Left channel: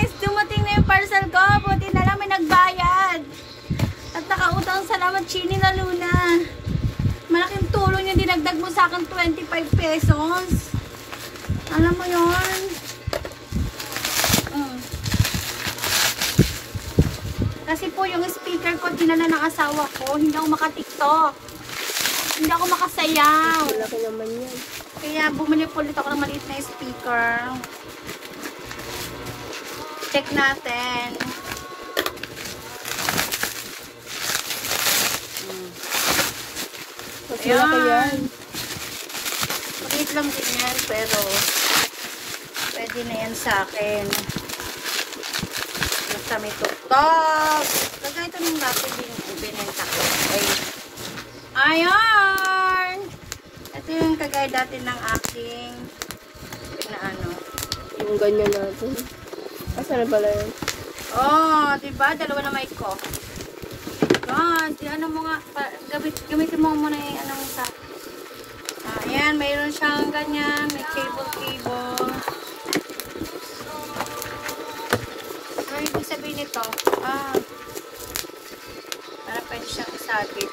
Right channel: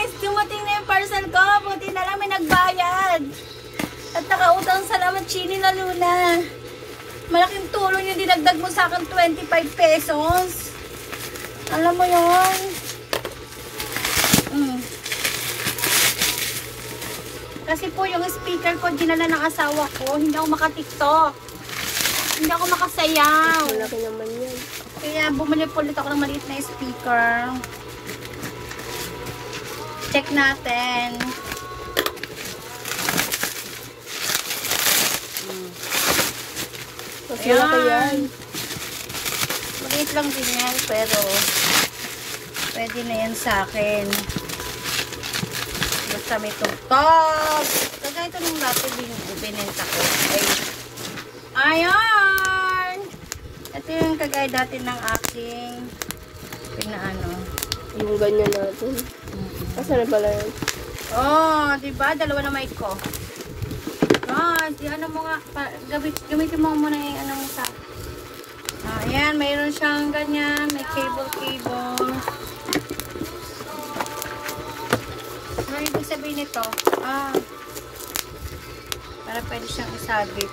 guys! Dumating na yung parcel ko. Buti na lang may nagbayad. At nakautang salamat, Chini na Luna. Malaking tulong yung dinagdag mo sa akin, 25 pesos. Alam mo yun? Kasi po yung speaker ko, dinala ng asawa ko. Hindi ako maka-tiktok. Hindi ako makasayaw. Malaki naman yan. Kaya bumili po ulit ako ng maliit na speaker. Check natin. Mas malaki yan. Maliit lang din yan, pero pwede na yan sa akin. Basta may tuktok. Kaya ito nung dapat binenta ko. Ayan! Ito yung kagaya dati ng aking pinaano. Yung ganyan natin. Asa na pala yun? Oh, diba? Dalawa na mic ko. God, ano mo nga, gamitin mo muna yung ano mo sa. Ayan, mayroon siyang ganyan, may cable. Ano ibig sabihin nito? Para pwede siyang isagit.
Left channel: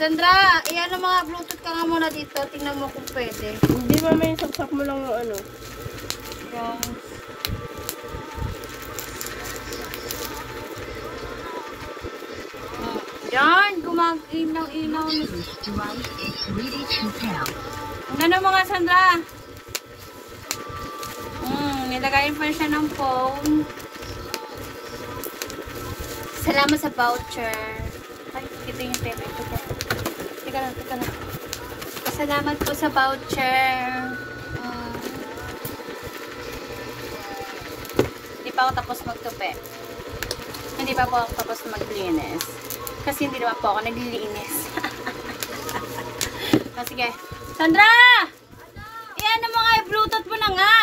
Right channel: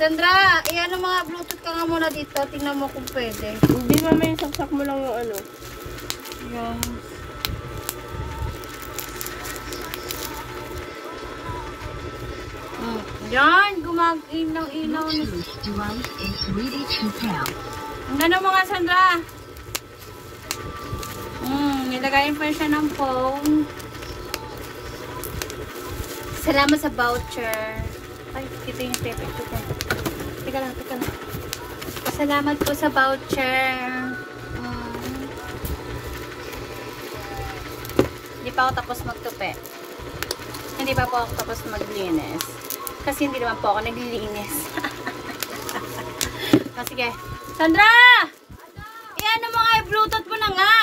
Sandra, iyan ang mga Bluetooth ka nga muna dito. Tingnan mo kung pwede. Hindi ba may saksak mo lang yung ano? Yung... Yan, gumag-inaw-inaw. Ano mga Sandra? Nilagayin pa siya ng phone. Salamat sa voucher. Ay, kita yung pepe. Teka lang. Salamat po sa voucher. Hindi pa ako tapos magtupi. Hindi pa po ako tapos maglinis. Kasi hindi naman po ako naglilinis. Sige. Sandra! Iyan mo nga yung Bluetooth mo na nga.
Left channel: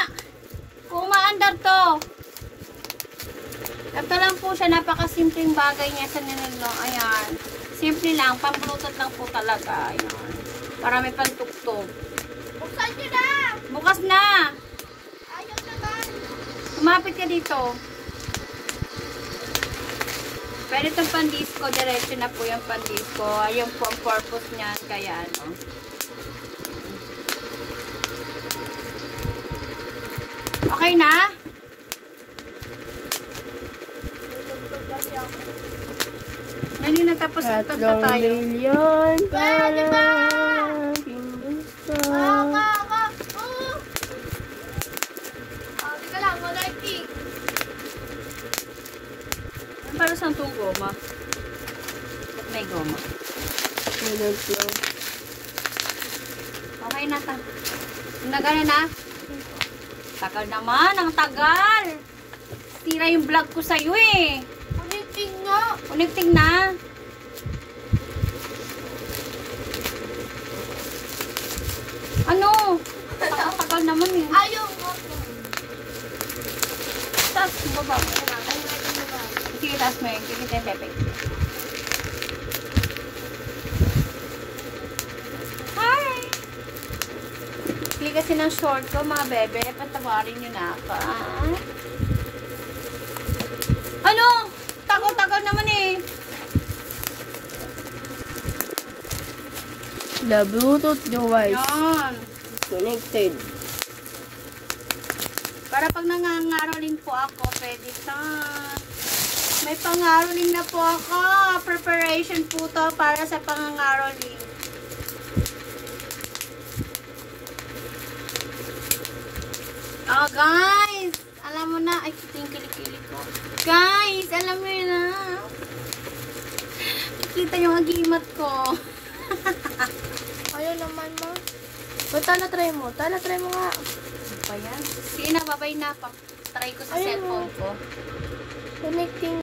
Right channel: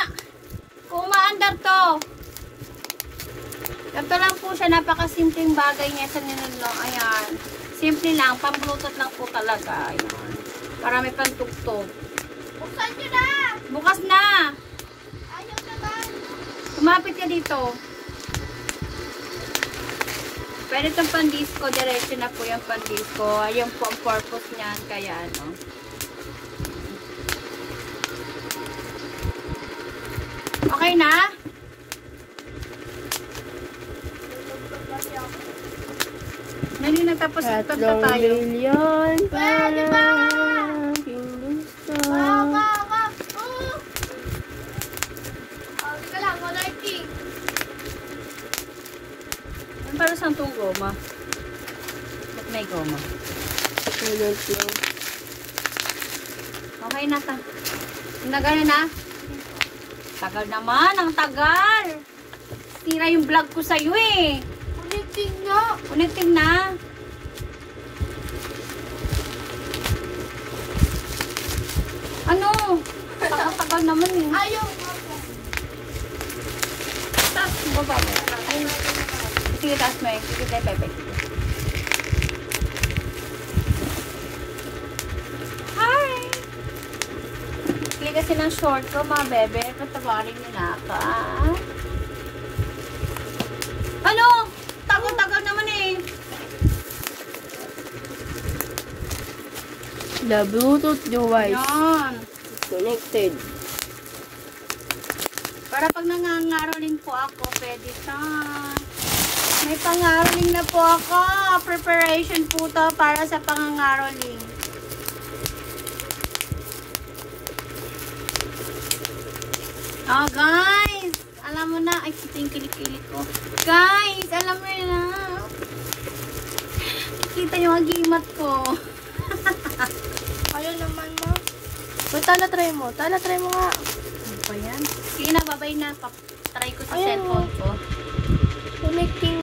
Kung umaandar to. Ito lang po siya. Napakasimpleng bagay niya sa ninilo. Ayan. Simple lang. Pang-Bluetooth lang po talaga. Ayan. Para may pantugtog. Buksan nyo na! Bukas na! Ayaw naman! Kumapit ka dito. Pwede itong pan-disco. Diretso na po yung pan-disco. Ayan po ang purpose niyan. Kaya ano. Okay na? Nani natapos na tayo? 3 million para aking gusto. Teka lang, wala yung king. Ano para saan itong goma? Ba't may goma? I don't know. Okay na. Nagaya na? Tagal naman, ang tagal. Sira yung vlog ko sa'yo eh. Connecting nga. Connecting na. Ano? Tagal naman eh. Ayaw mo. Taas mo ba mo? Sige, taas mo eh. Sige, pepe. Hi! Pili kasi ng short ko, mga bebe. Patawarin niyo na ako. Ano? Tagal naman eh. The Bluetooth device Yan. is connected. Para pag nangangaroling po ako, pwede saan. May pangaroling na po ako. Preparation po to para sa pangangaroling. Guys. Alam mo na. Ay, kita yung kilikili ko. Guys, alam mo na. Kita yung mag-iimat ko. Ayaw naman mo. Ba't tala-try mo? Tala-try mo nga. Ano pa yan? Sige na, babay na. Try ko sa cellphone ko. Connecting.